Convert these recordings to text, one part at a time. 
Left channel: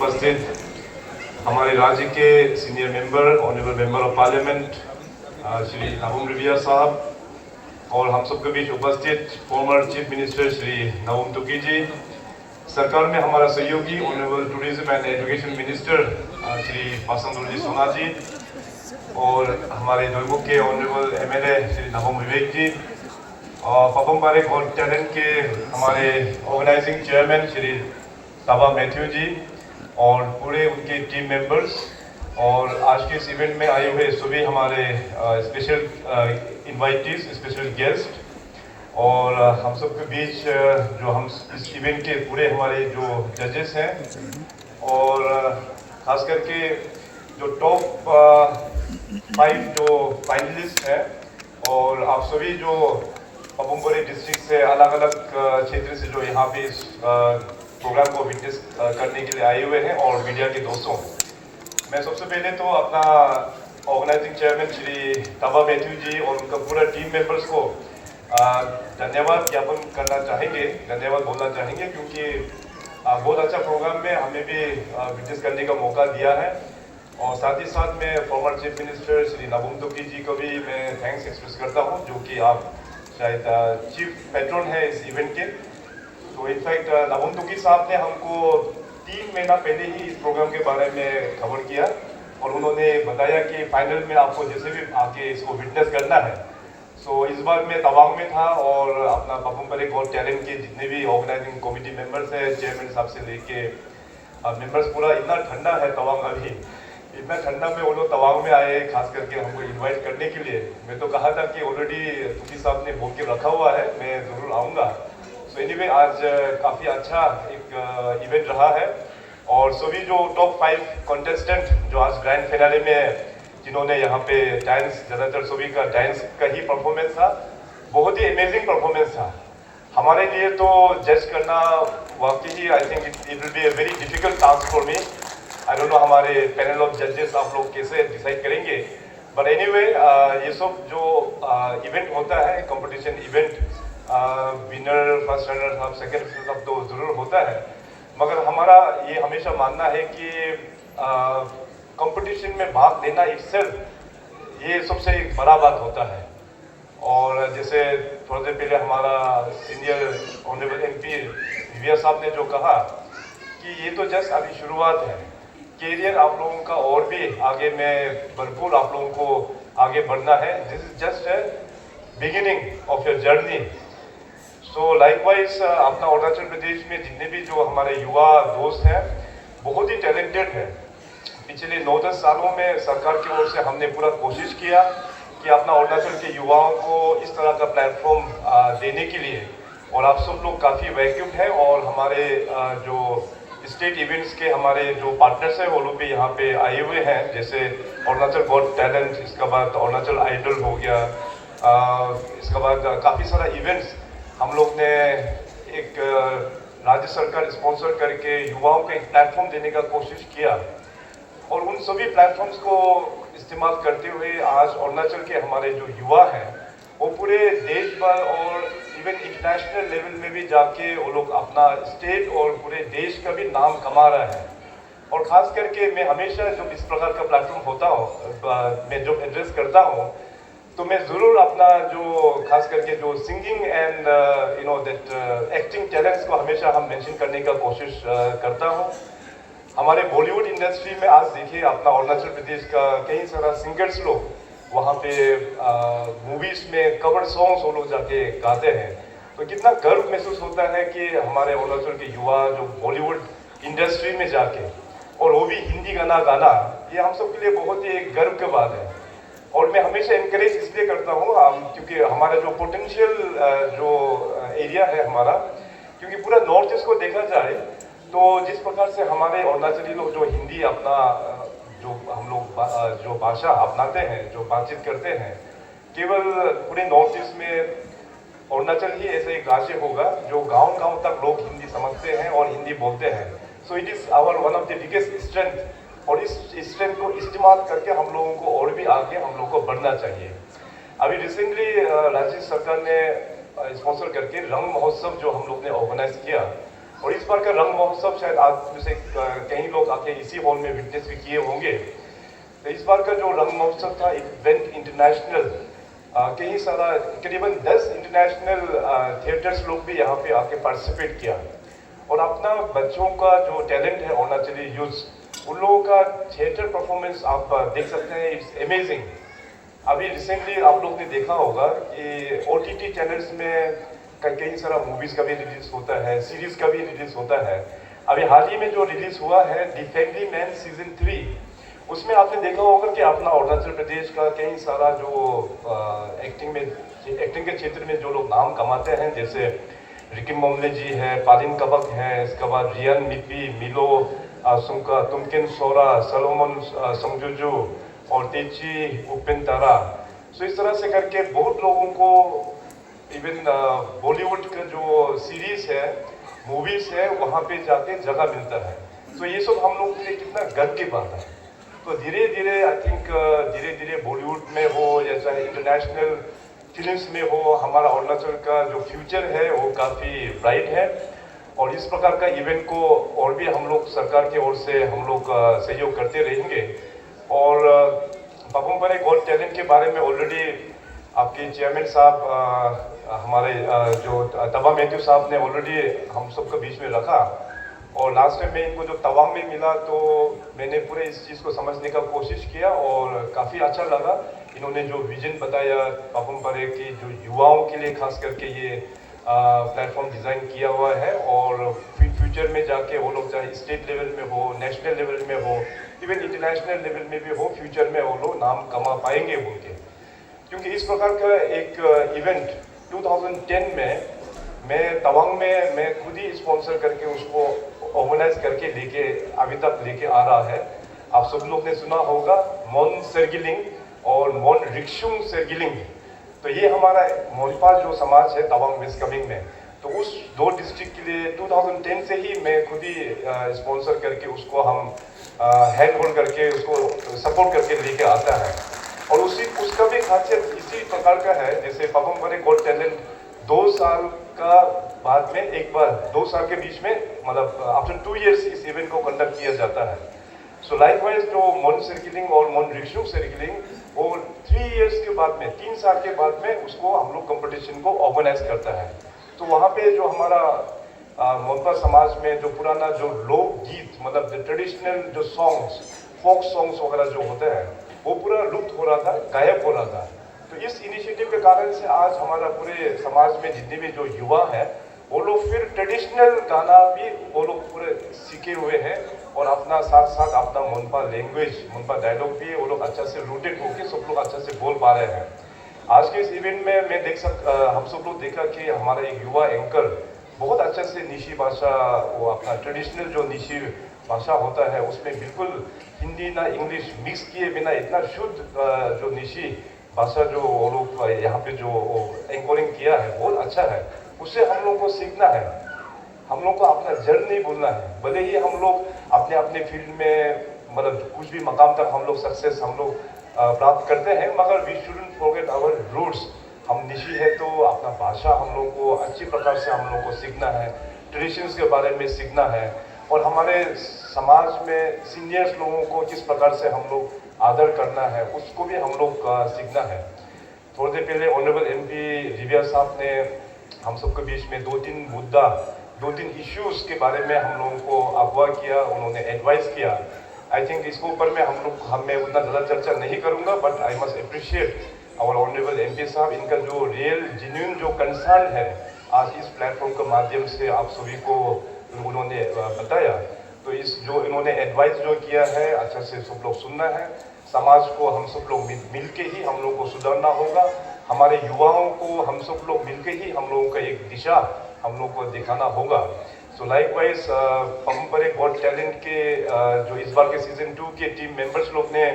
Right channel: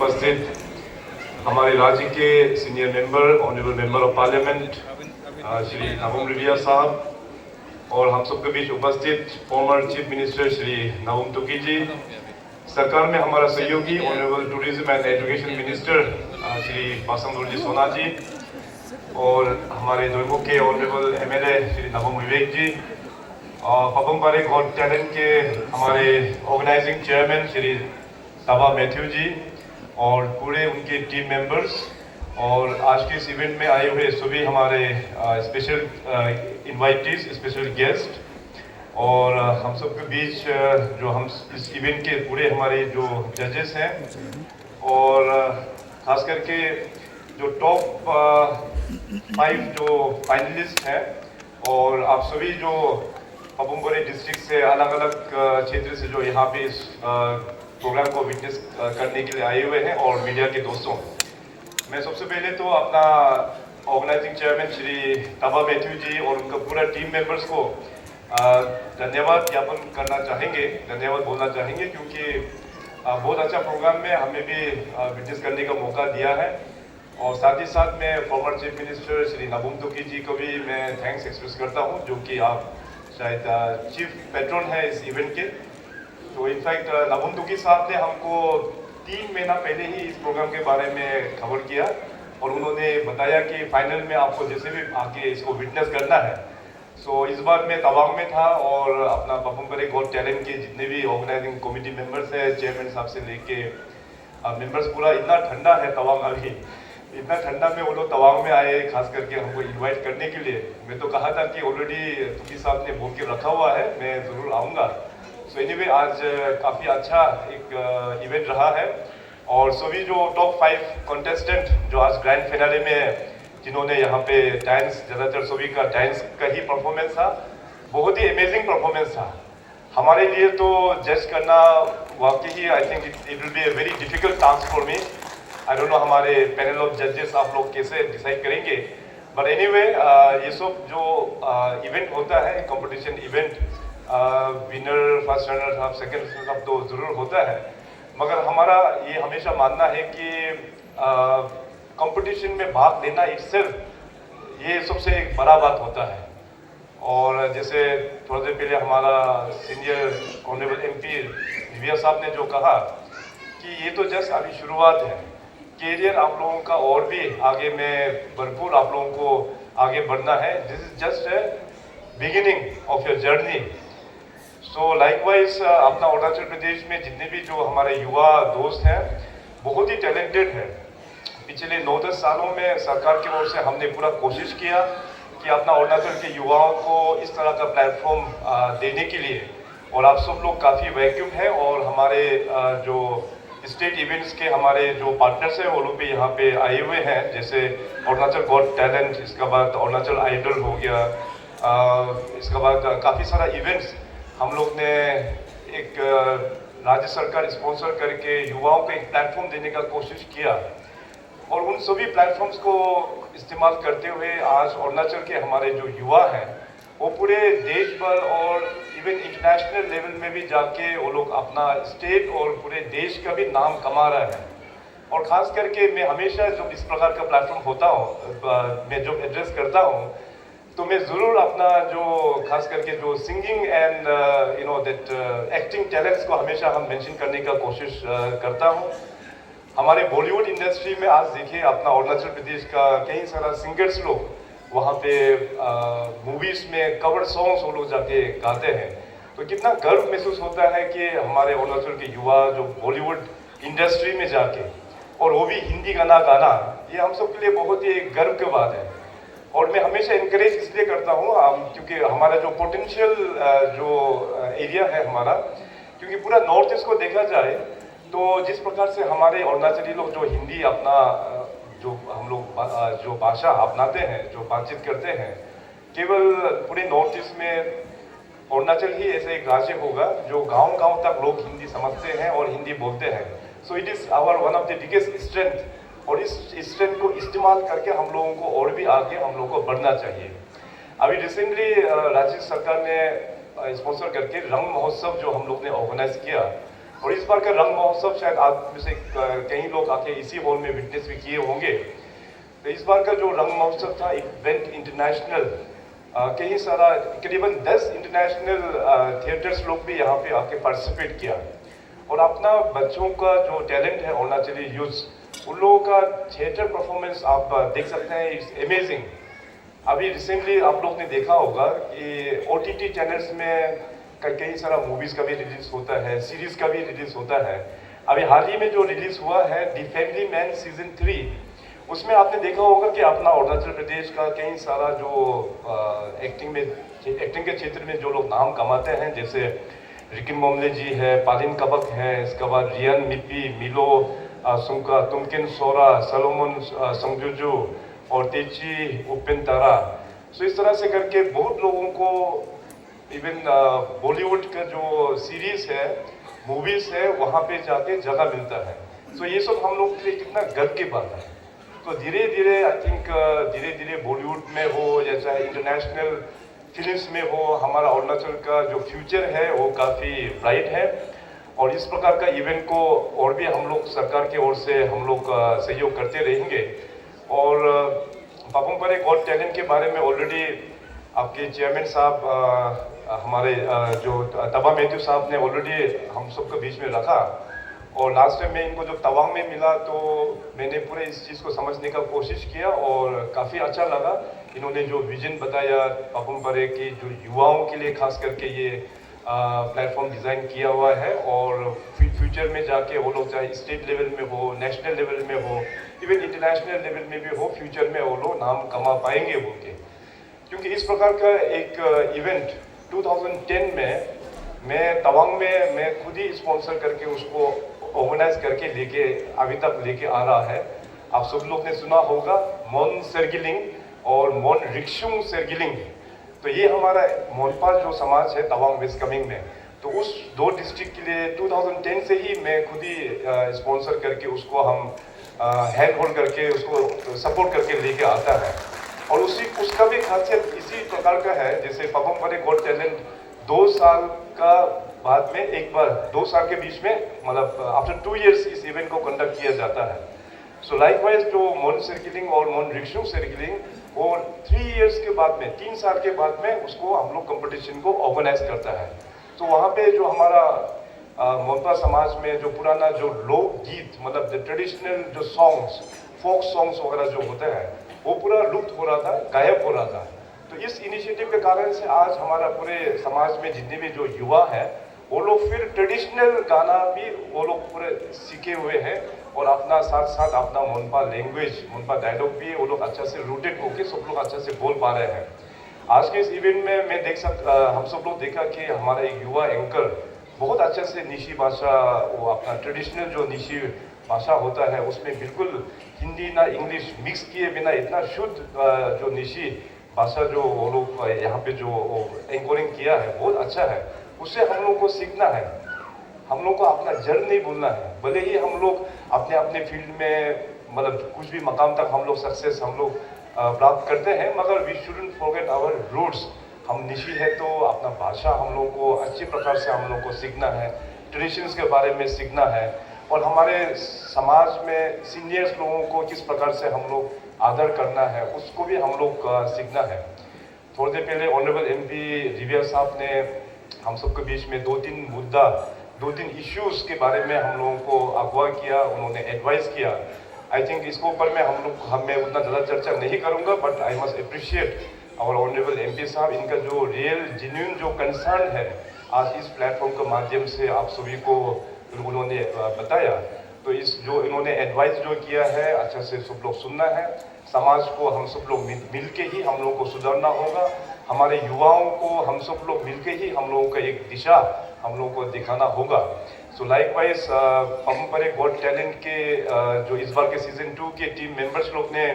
उपस्थित हमारे राज्य के senior member, honourable member of parliament Shri नवम रिविया साहब, और हम सबके बीच उपस्थित फॉर्मर चीफ मिनिस्टर श्री नवम तुकी जी, सरकार में हमारा सहयोगी honourable tourism and education minister Shri Pasang Dorjee ji Sona ji, और हमारे जोधपुर के ऑनरेबल एमएलए श्री नवम विवेक जी, पपम पारे गॉड टैलेंट के हमारे ऑर्गेनाइजिंग चेयरमैन श्री ताबा मैथ्यू जी, और पूरे उनके टीम मेंबर्स, और आज के इस इवेंट में आए हुए सभी हमारे स्पेशल इनवाइटीज, स्पेशल गेस्ट, और हम सब के बीच जो हम इस इवेंट के पूरे हमारे जो जजेस हैं, और खास करके जो टॉप 5 जो फाइनलिस्ट हैं, और आप सभी जो पपुमपरी डिस्ट्रिक्ट से अलग अलग क्षेत्र से जो यहाँ पे इस प्रोग्राम को विटनेस करने के लिए आए हुए हैं, और मीडिया के दोस्तों, मैं सबसे पहले तो अपना ऑर्गेनाइजिंग चेयरमैन श्री ताबा मैथ्यू जी और उनका पूरा टीम मेंबर्स को धन्यवाद ज्ञापन करना चाहेंगे, धन्यवाद बोलना चाहेंगे, क्योंकि बहुत अच्छा प्रोग्राम में हमें भी विटनेस करने का मौका दिया है। और साथ ही साथ मैं फॉर्मर चीफ मिनिस्टर श्री नवम तुकी जी को भी मैं थैंक्स एक्सप्रेस करता हूँ, जो कि आप शायद चीफ पैट्रन है इस इवेंट के। तो इनफैक्ट नवम तुकी साहब ने हमको 3 महीना पहले ही इस प्रोग्राम के बारे में खबर किया, और उन्होंने बताया कि फाइनल में आपको जैसे भी आके इसको विटनेस करना है। सो इस बार मैं तवांग में था, और अपना पपुमपरे गॉड टैलेंट के जितने भी ऑर्गेनाइजिंग कमेटी मेंबर्स हैं, चेयरमैन साहब से लेके मेंबर्स, पूरा इतना ठंडा है तवांग अभी, इतना ठंडा में वो लोग तवांग में आए खास करके हमको इनवाइट करने के लिए। मैं तो कहा था कि ऑलरेडी तुकी साहब ने बोल के रखा हुआ है, मैं ज़रूर आऊँगा। सो एनीवे आज काफ़ी अच्छा एक इवेंट रहा है, और सभी जो टॉप 5 कॉन्टेस्टेंट जो आज ग्रैंड फिनाले में जिन्होंने यहाँ पे डांस, ज़्यादातर सभी का डांस का ही परफॉर्मेंस था, बहुत ही अमेजिंग परफॉर्मेंस था हमारे लिए। तो जज करना वाकई ही I think it will be a very difficult task for me. I don't know हमारे पैनल ऑफ जजेस आप लोग कैसे डिसाइड करेंगे, बट एनीवे ये सब जो इवेंट होता है, competition event, winner, first runner up, second सब तो ज़रूर होता है, मगर हमारा ये हमेशा मानना है कि कंपटीशन में भाग लेना itself ये सबसे एक बड़ा बात होता है। और जैसे थोड़ी देर पहले हमारा सीनियर ऑनरेबल एमपी रिविया साहब ने जो कहा कि ये तो जस्ट अभी शुरुआत है, कैरियर आप लोगों का और भी आगे में बिल्कुल आप लोगों को आगे बढ़ना है। This is just a beginning of your journey. So likewise अपना अरुणाचल प्रदेश में जितने भी जो हमारे युवा दोस्त हैं, बहुत ही टैलेंटेड है। पिछले 9-10 सालों में सरकार की ओर से हमने पूरा कोशिश किया कि अपना अरुणाचल के युवाओं को इस तरह का प्लेटफॉर्म देने के लिए, और आप सब लोग काफ़ी वैक्यूम है, और हमारे जो स्टेट इवेंट्स के हमारे जो पार्टनर्स हैं वो लोग भी यहाँ पे आए हुए हैं, जैसे अरुणाचल गॉड टैलेंट, इसके बाद अरुणाचल आइडल हो गया, इसके बाद काफ़ी सारा इवेंट्स हम लोग ने एक राज्य सरकार स्पॉन्सर करके युवाओं को एक प्लेटफॉर्म देने का कोशिश किया, और उन सभी प्लेटफॉर्म्स को इस्तेमाल करते हुए आज अरुणाचल के हमारे जो युवा हैं वो पूरे देश भर और इवन इंटरनेशनल लेवल में भी जाके वो लोग अपना स्टेट और पूरे देश का भी नाम कमा रहा है। और ख़ास करके मैं हमेशा जब इस प्रकार का प्लेटफॉर्म होता हूँ, मैं जो एड्रेस करता हूँ, तो मैं ज़रूर अपना जो खास करके जो singing and you know that acting talents को हमेशा हम मेंशन करने का कोशिश करता हूँ। हमारे बॉलीवुड इंडस्ट्री में आज देखिए अपना अरुणाचल प्रदेश का कई सारा सिंगर्स लोग वहाँ पे मूवीज़ में कवर सॉन्ग्स वो लोग जाके गाते हैं, तो कितना गर्व महसूस होता है कि हमारे अरुणाचल के युवा जो बॉलीवुड इंडस्ट्री में जाके, और वो भी हिंदी गाना गाना, ये हम सब के लिए बहुत ही एक गर्व की बात है। और मैं हमेशा इंकरेज इसलिए करता हूँ क्योंकि हमारा जो पोटेंशियल जो एरिया है हमारा, क्योंकि पूरा नॉर्थ ईस्ट को देखा जाए तो जिस प्रकार से हमारे अरुणाचली लोग जो हिंदी अपना जो हम लोग जो भाषा अपनाते हैं, जो बातचीत करते हैं, केवल पूरे नॉर्थ ईस्ट में अरुणाचल ही ऐसे एक राज्य होगा जो गांव-गांव तक लोग हिंदी समझते हैं और हिंदी बोलते हैं। So it is hour one of the biggest strength, और इस स्ट्रेंथ को इस्तेमाल करके हम लोगों को और भी आगे हम लोग को बढ़ना चाहिए। अभी रिसेंटली राज्य सरकार ने स्पॉन्सर करके रंग महोत्सव जो हम लोग ने ऑर्गेनाइज किया, और इस बार का रंग महोत्सव शायद आप में से कई लोग आके इसी हॉल में विटनेस भी किए होंगे। तो इस बार का जो रंग महोत्सव था इवेंट इंटरनेशनल, कई सारा करीबन 10 इंटरनेशनल थिएटर्स लोग भी यहाँ पे आके पार्टिसिपेट किया और अपना बच्चों का जो टैलेंट है अरुणाचली यूथ, उन लोगों का थिएटर परफॉर्मेंस आप देख सकते हैं, इट्स अमेजिंग। अभी रिसेंटली आप लोग ने देखा होगा कि OTT चैनल्स में कई सारा मूवीज का भी रिलीज होता है, सीरीज का भी रिलीज होता है। अभी हाल ही में जो रिलीज हुआ है दी फैमिली मैन सीजन 3, उसमें आपने देखा होगा कि अपना अरुणाचल प्रदेश का कई सारा जो एक्टिंग के क्षेत्र में जो लोग नाम कमाते हैं, जैसे रिकी मोमले जी है, पालिन कबक है, इसके बाद रियान मिप्पी, मिलो सुंका, तुमकिन सोरा, सलोमन संजुजू और तेची उपिन तारा। सो इस तरह से करके बहुत लोगों को इवन बॉलीवुड का जो सीरीज है, मूवीज है, वहाँ पे जाके जगह मिलता है। तो ये सब हम लोग के लिए कितना गर्व की बात है। तो धीरे धीरे आई थिंक धीरे धीरे बॉलीवुड में हो या चाहे इंटरनेशनल फिल्म्स में हो, हमारा अरुणाचल का जो फ्यूचर है वो काफ़ी ब्राइट है। और इस प्रकार का इवेंट को और भी हम लोग सरकार की ओर से हम लोग सहयोग करते रहेंगे। और पापुम पारे गॉट टैलेंट के बारे में ऑलरेडी आपके चेयरमैन साहब हमारे जो तबा मैथ्यू साहब ने ऑलरेडी हम सबको बीच में रखा। और लास्ट टाइम में इनको जो तवांग में मिला तो मैंने पूरे इस चीज़ को समझने का कोशिश किया और काफ़ी अच्छा लगा। इन्होंने जो विजन बताया पापुम पारे की, जो युवाओं के लिए खास करके ये प्लेटफॉर्म डिज़ाइन किया हुआ है और फ्यूचर में जाके वो लोग चाहे स्टेट लेवल में हो, नेशनल लेवल में हो, इवन इंटरनेशनल लेवल में भी हो, फ्यूचर में वो लोग नाम कमा पाएंगे उनके। क्योंकि इस प्रकार का एक इवेंट 2010 में मैं तवांग में मैं खुद ही स्पॉन्सर करके उसको ऑर्गेनाइज करके लेके अभी तक लेके आ रहा है। आप सब लोग ने सुना होगा मोन सेरगिलिंग और मोन रिक्शुंग सेरगिलिंग। तो ये हमारा मोनपा जो समाज है तवांग वेस्ट कामेंग में, तो उस 2 डिस्ट्रिक्ट के लिए 2010 से ही मैं खुद ही स्पॉन्सर करके उसको हम हैंड होल्ड करके उसको सपोर्ट करके लेके आता है। और उसका भी खासियत इसी प्रकार का है, जैसे पापुम पारे गॉट टैलेंट 2 साल का बाद में एक बार 2 साल के बीच में मतलब आफ्टर 2 इयर्स इस इवेंट को कंडक्ट किया जाता है। सो लाइकवाइज जो मोन सर्किलिंग और मोन रिक्शू सर्किलिंग और 3 इयर्स के बाद में 3 साल के बाद में उसको हम लोग कंपटीशन को ऑर्गेनाइज करता है। तो वहाँ पे जो हमारा मोनपा समाज में जो पुराना जो लोकगीत मतलब जो ट्रेडिशनल जो सॉन्ग्स, फोक सॉन्ग्स वगैरह जो होते हैं वो पूरा लुप्त हो रहा था, गायब हो रहा था। तो इस इनिशिएटिव के कारण से आज हमारा पूरे समाज में जितने भी जो युवा हैं वो लोग फिर ट्रेडिशनल गाना भी वो लोग पूरे सीखे हुए हैं और अपना साथ साथ अपना मोनपा लैंग्वेज, मोनपा डायलॉग भी वो लोग अच्छा से रूटेड होकर सब लोग अच्छा से बोल पा रहे हैं। आज के इस इवेंट में मैं हम सब लोग देखा कि हमारा एक युवा एंकर बहुत अच्छा से निशी भाषा, वो अपना ट्रेडिशनल जो निशी भाषा होता है उसमें बिल्कुल हिंदी ना इंग्लिश मिक्स किए बिना इतना शुद्ध जो निशी भाषा जो वो लोग यहाँ पे जो एंकरिंग किया है बहुत अच्छा है। उससे हम लोग को सीखना है, हम लोग को अपना जड़ नहीं भूलना है। भले ही हम लोग अपने अपने फील्ड में मतलब कुछ भी मकाम तक हम लोग सक्सेस हम लोग प्राप्त करते हैं, मगर we shouldn't forget our roots. हम निशी है तो अपना भाषा हम लोग को अच्छी प्रकार से हम लोग को सीखना है, ट्रेडिशंस के बारे में सीखना है और हमारे समाज में सीनियर्स लोगों को किस प्रकार से हम लोग आदर करना है उसको भी हम लोग सीखना है। थोड़ी देर पहले ऑनरेबल MP रिविया साहब ने हम सबके बीच में 2-3 मुद्दा, 2-3 इश्यूज के बारे में हम लोगों को अगवा किया, उन्होंने एडवाइस किया। आई थिंक इसके ऊपर में मैं उतना ज़्यादा चर्चा नहीं करूँगा, बट आई मस्ट अप्रिशिएट और ऑनरेबल MP साहब, इनका जो रियल जेन्युइन जो कंसर्न है आज इस प्लेटफॉर्म के माध्यम से आप सभी को उन्होंने बताया। तो इस जो इन्होंने एडवाइस जो किया है अच्छा से सब लोग सुनना है। समाज को हम सब लोग मिल के ही हम लोगों को सुधारना होगा। हमारे युवाओं को हम सब लोग मिल के ही हम लोगों का एक दिशा हम लोग को दिखाना होगा। सो likewise Papum Pare got talent के जो इस बार के सीजन 2 के टीम मेंबर्स लोग ने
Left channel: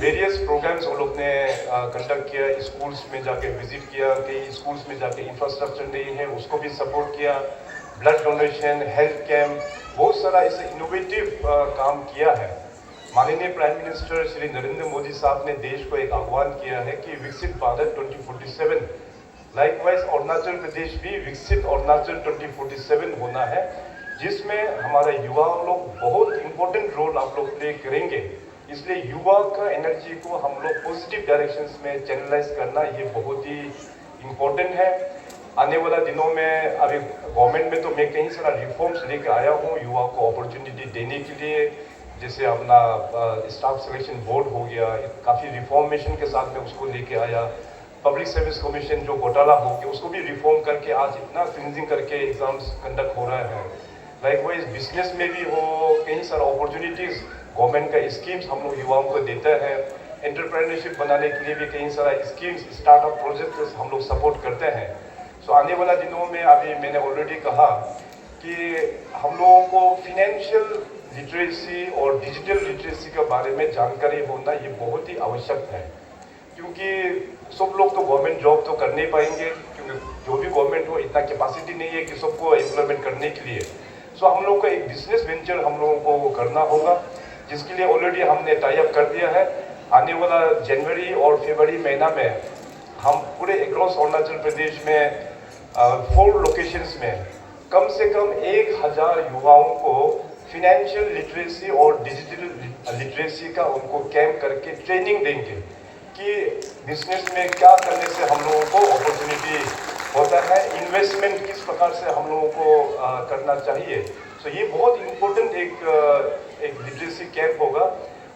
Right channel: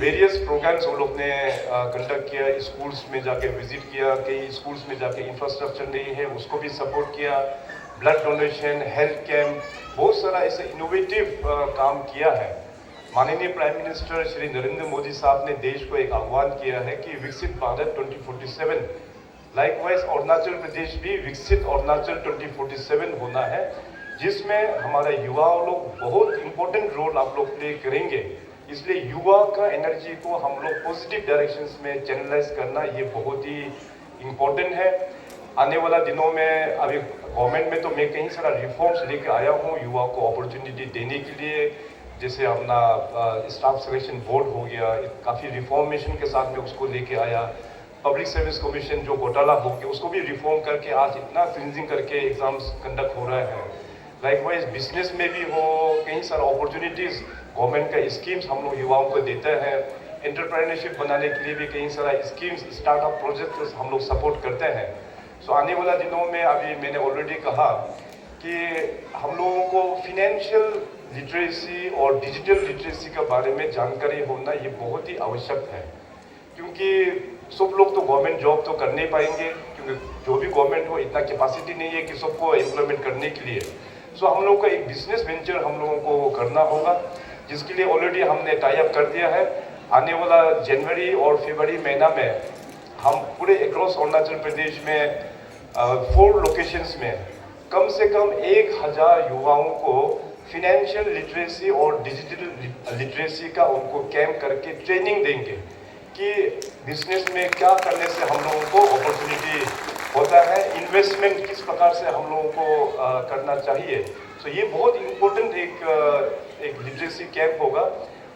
वेरियस प्रोग्राम्स वो लोग ने कंडक्ट किया, स्कूल्स में जाके विजिट किया, कई स्कूल्स में जाके इंफ्रास्ट्रक्चर नहीं है उसको भी सपोर्ट किया, ब्लड डोनेशन, हेल्थ कैंप, बहुत सारा ऐसा इनोवेटिव काम किया है। माननीय प्राइम मिनिस्टर श्री नरेंद्र मोदी साहब ने देश को एक आह्वान किया है कि विकसित भारत 2047, लाइकवाइज अरुणाचल प्रदेश भी विकसित अरुणाचल 2047 होना है, जिसमें हमारे युवा लोग बहुत इम्पोर्टेंट रोल आप लोग प्ले करेंगे। इसलिए युवा का एनर्जी को हम लोग पॉजिटिव डायरेक्शंस में चैनलाइज करना ये बहुत ही इम्पोर्टेंट है। आने वाला दिनों में अभी गवर्नमेंट में तो मैं कई सारा रिफॉर्म्स लेके आया हूँ युवा को अपॉर्चुनिटी देने के लिए। जैसे अपना स्टाफ सिलेक्शन बोर्ड हो गया, काफ़ी रिफॉर्मेशन के साथ में उसको लेके आया। पब्लिक सर्विस कमीशन जो घोटाला हो गया उसको भी रिफॉर्म करके आज इतना क्लिनजिंग करके एग्जाम्स कंडक्ट हो रहे हैं। लाइकवाइज बिजनेस में भी हो कई सारे अपॉर्चुनिटीज़ गवर्नमेंट का स्कीम्स हम लोग युवाओं को देते हैं। एंटरप्रेन्योरशिप बनाने के लिए भी कई सारा स्कीम्स स्टार्टअप प्रोजेक्ट हम लोग सपोर्ट करते हैं। सो आने वाला दिनों में अभी मैंने ऑलरेडी कहा कि हम लोगों को फिनेंशियल लिटरेसी और डिजिटल लिटरेसी के बारे में जानकारी होना ये बहुत ही आवश्यक है, क्योंकि सब लोग तो गवर्नमेंट जॉब तो कर नहीं पाएंगे, क्योंकि जो भी गवर्नमेंट हो इतना कैपेसिटी नहीं है कि सबको एम्प्लॉयमेंट करने के लिए। सो हम लोग का एक बिजनेस वेंचर हम लोगों को करना होगा, जिसके लिए ऑलरेडी हमने टाई अप कर दिया है। आने वाला जनवरी और फरवरी महीना में हम पूरे अक्रॉस अरुणाचल प्रदेश में 4 लोकेशंस में कम से कम 1000 युवाओं को फिनेंशियल लिटरेसी और डिजिटल लिटरेसी का उनको कैंप करके ट्रेनिंग देंगे कि बिजनेस में क्या करने से हम लोगों को अपॉर्चुनिटी होता है, इन्वेस्टमेंट किस प्रकार से हम लोगों को करना चाहिए। सो ये बहुत इम्पोर्टेंट एक लिटरेसी कैंप होगा।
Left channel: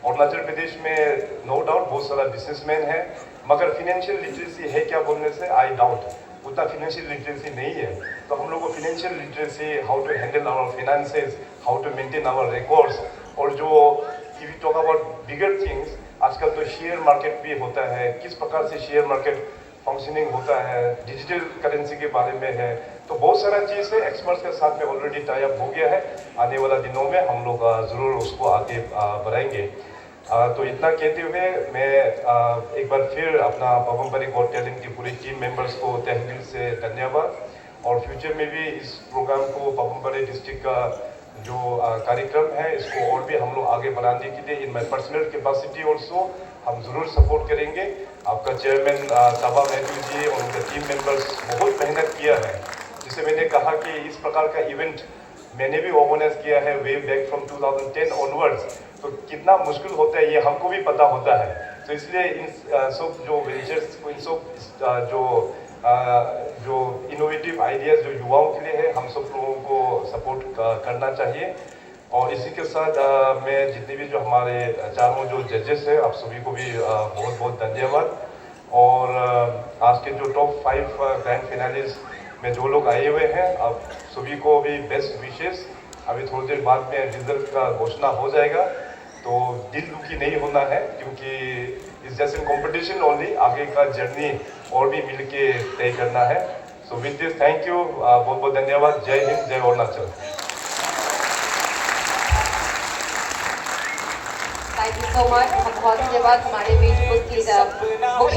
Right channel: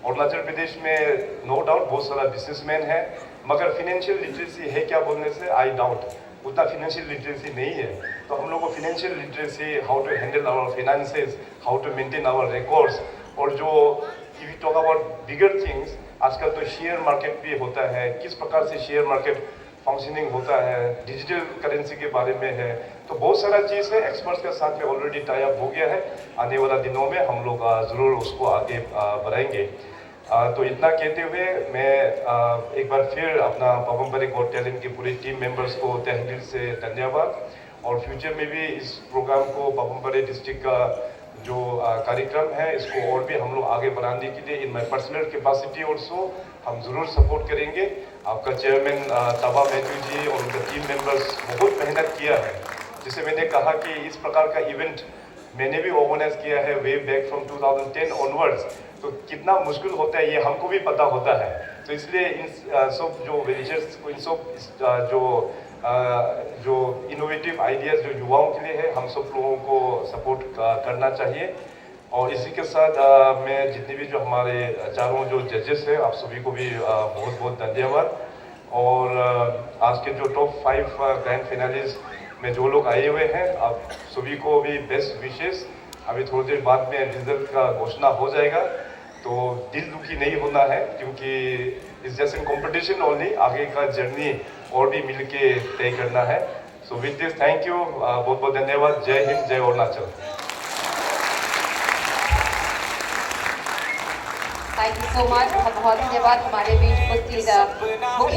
अरुणाचल प्रदेश में नो डाउट बहुत सारा बिजनेसमैन है, मगर फिनेंशियल लिटरेसी है क्या बोलने से आई डाउट उतना फिनेंशियल लिटरेसी नहीं है। तो हम लोग को financial literacy, how to handle our finances, how to maintain our records, और जो if you talk about bigger things, आजकल तो शेयर मार्केट भी होता है, किस प्रकार से शेयर मार्केट फंक्शनिंग होता है, डिजिटल करेंसी के बारे में है। तो बहुत सारा चीज़ है, एक्सपर्ट्स के साथ में ऑलरेडी टाई अप हो गया है। आने वाला दिनों में हम लोग ज़रूर उसको आगे बढ़ाएंगे। तो इतना कहते हुए मैं एक बार फिर अपना पापमपारे गॉट टैलेंट की पूरी टीम मेंबर्स को तहे दिल से धन्यवाद, और फ्यूचर में भी इस प्रोग्राम को पापमपारे डिस्ट्रिक्ट का जो कार्यक्रम है इसको और भी हम लोग आगे बढ़ाने के लिए इन माई पर्सनल कैपेसिटी ऑल्सो हम ज़रूर सपोर्ट करेंगे। आपका चेयरमैन ताबा मैथ्यू जी और उनका टीम मेंबर्स बहुत मेहनत किया है। जैसे मैंने कहा कि इस प्रकार का इवेंट मैंने भी ऑर्गेनाइज किया है वे बैक फ्रॉम 2010 ऑनवर्ड्स, तो कितना मुश्किल होता है ये हमको भी पता होता है। तो इसलिए इन सब जो वेंचर्स, इन सब जो इनोवेटिव आइडियाज़ जो युवाओं के लिए है, हम सब लोगों को सपोर्ट करना चाहिए। और इसी के साथ मैं जितने भी जो हमारे चारों जो जजेस हैं आप सभी को भी बहुत बहुत धन्यवाद। और आज के जो टॉप 5 ग्रैंड फिनालिस्ट में जो लोग आए हुए हैं आप सभी को भी बेस्ट विशेष। अभी थोड़ी देर बाद में रिजल्ट का घोषणा हो जाएगा, तो दिल दुखी नहीं होना है, क्योंकि इस जस्ट इन कॉम्पिटिशन ओनली, आगे का जर्नी और भी मिल के तय करना है। So with this thank you, बहुत बहुत धन्यवाद। जय हिंद, जय Arunachal. Thank you so much, बहुत धन्यवाद हमारे बीच उपस्थित मुख्य